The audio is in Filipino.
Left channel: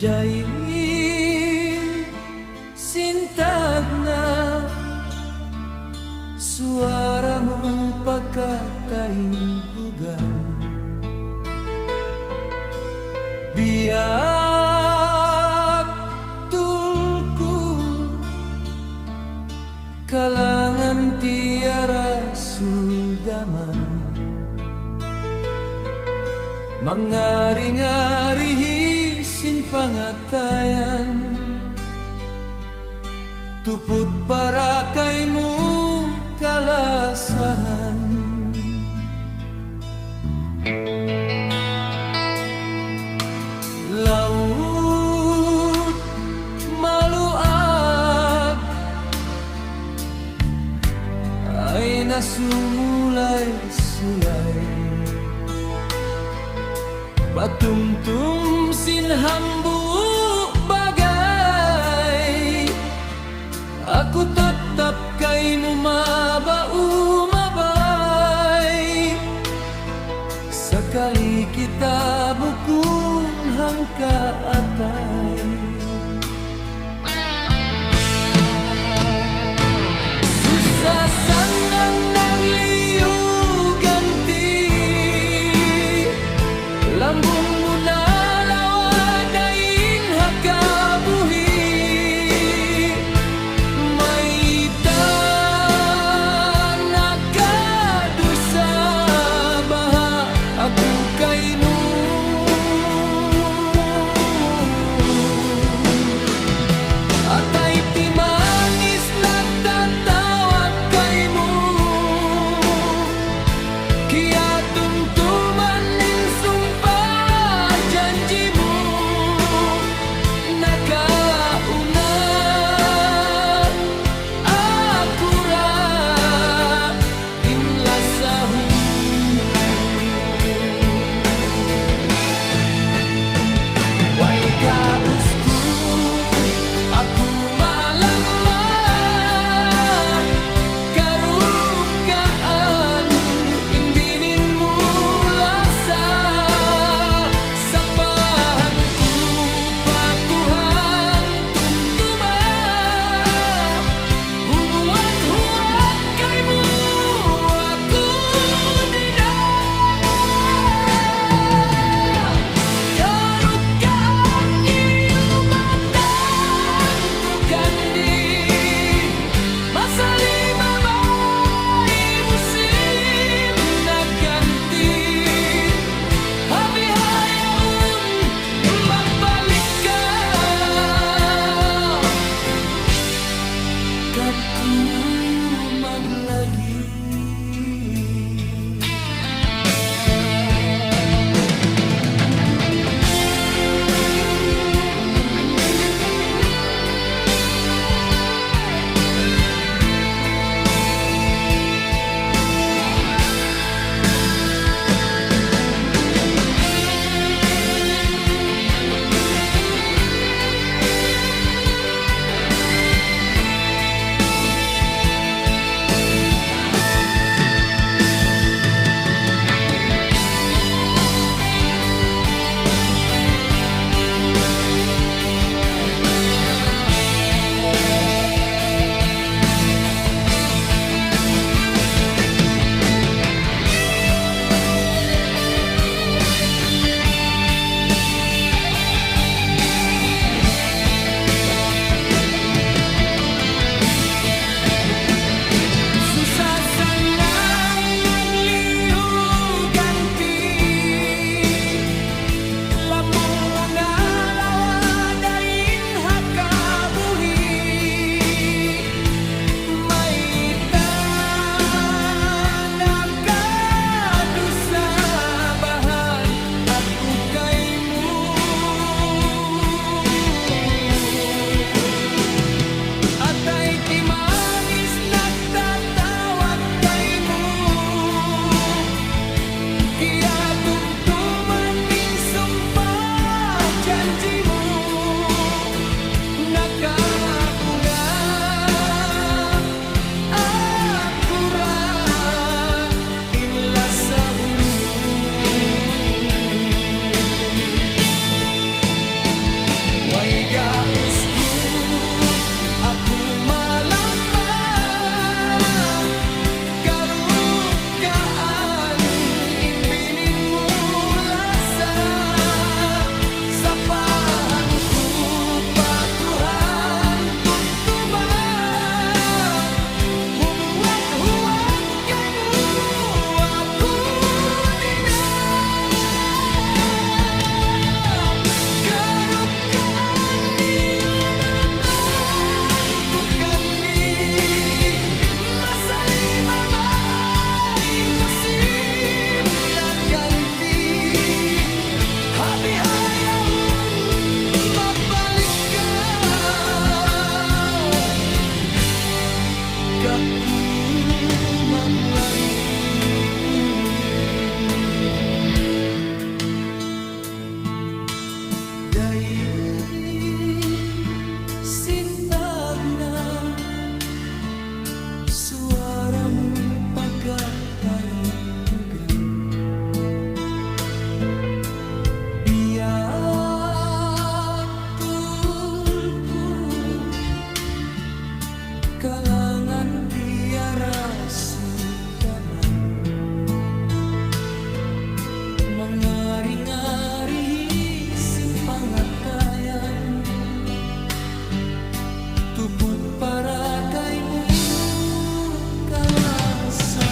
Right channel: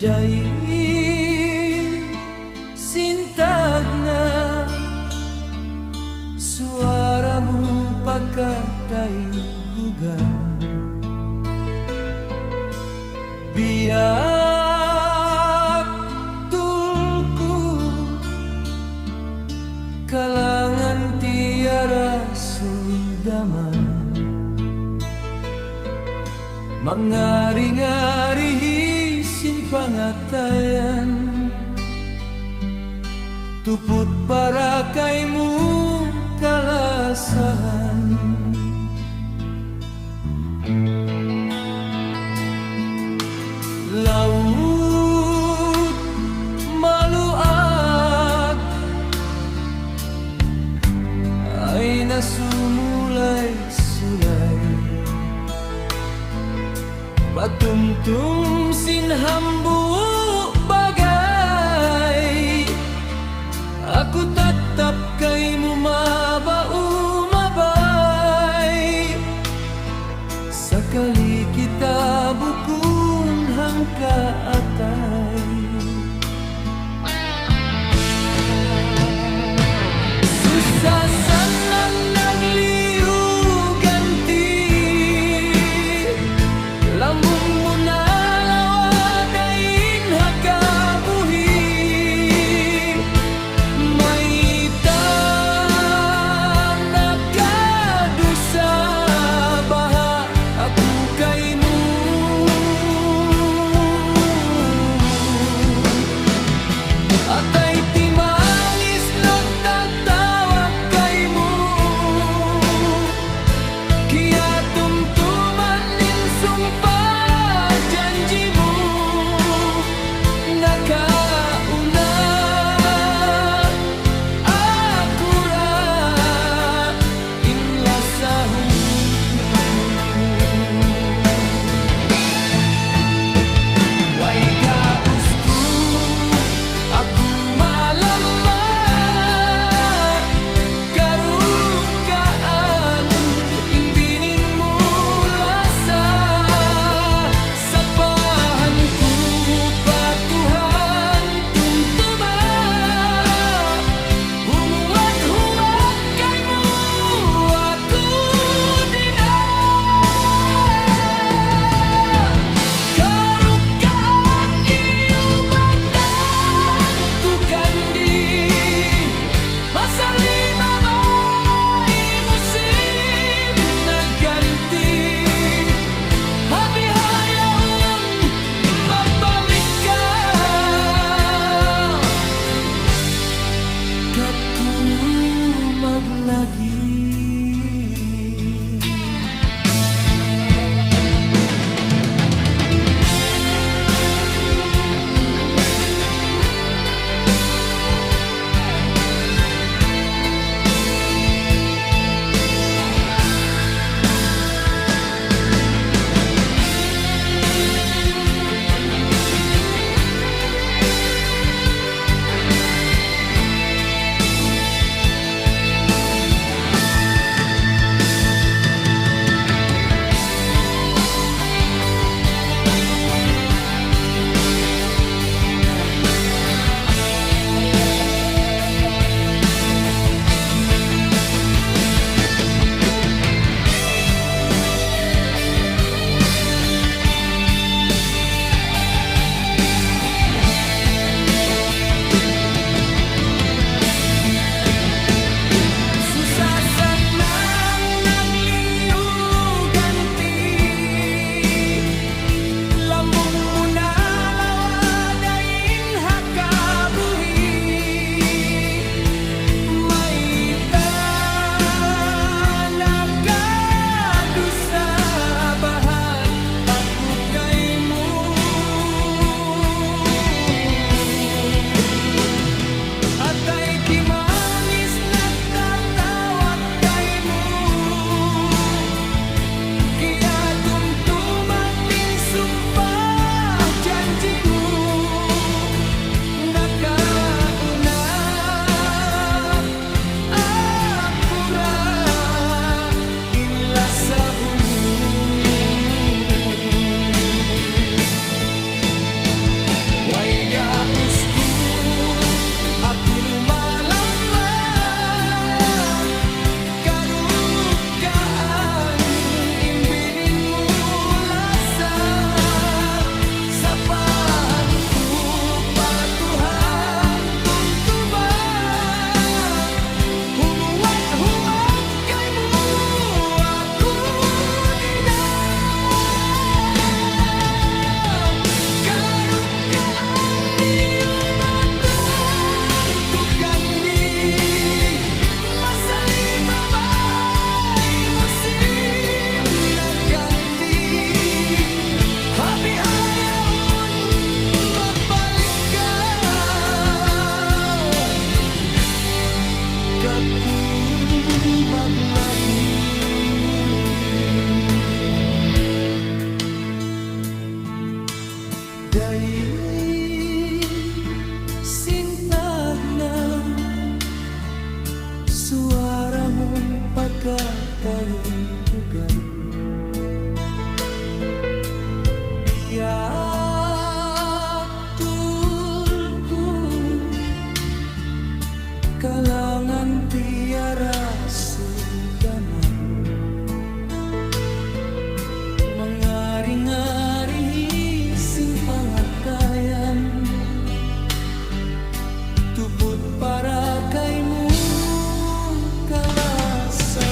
Dai sintagna suaramu pagkatai bugan, biak tulku kalangan tiara suldaman, mangari-ngari hisin pangatayan, tuput para kaimu kalasahan. Laut maluag ay nasumulay sulay, patumtum sinhambu bagay, aku tatap kaimu mabau mabay, sakali kita bukun hangka atay. Susah sanang nagliu ganti, lambungmu nalawadain hakabuhi, maita nakadusa baha aku kaimu, atay timangis nagtatawag kaimu, kiya tumtuman nin sumpah janjimu, nakauna aku ra inlasahu. Way gausku aku malamat karugaan, imbininmu lasa sapahanku patuhan tumtuma, humuat-huat kaimu aku dina, karugaan iubatan ku kandi, masali babay musim naganti, habihayaun mabalik ka, kaku maglagi. Susah sanang nagliu ganti, lambungmu nalawadain hakabuhi, maita nakadusa bahan aku kaimu, atay timangis nagtatawag kaimu, kiya tumtuman nin sumpah Paiga usku aku malama karukaan inbininmu lasa sapahanku patuhan tumtuma humuat-huat kaymu aku dina karukaan diubatan ku kandi masa lima bay musim naganti habi hayaun mabalik kau katu maglagi dai sintag na suaramu pagkatalintugan biak tulku kalangan tiara sudaman mengari-ngari simpangatayan tuput para kaimu kalasa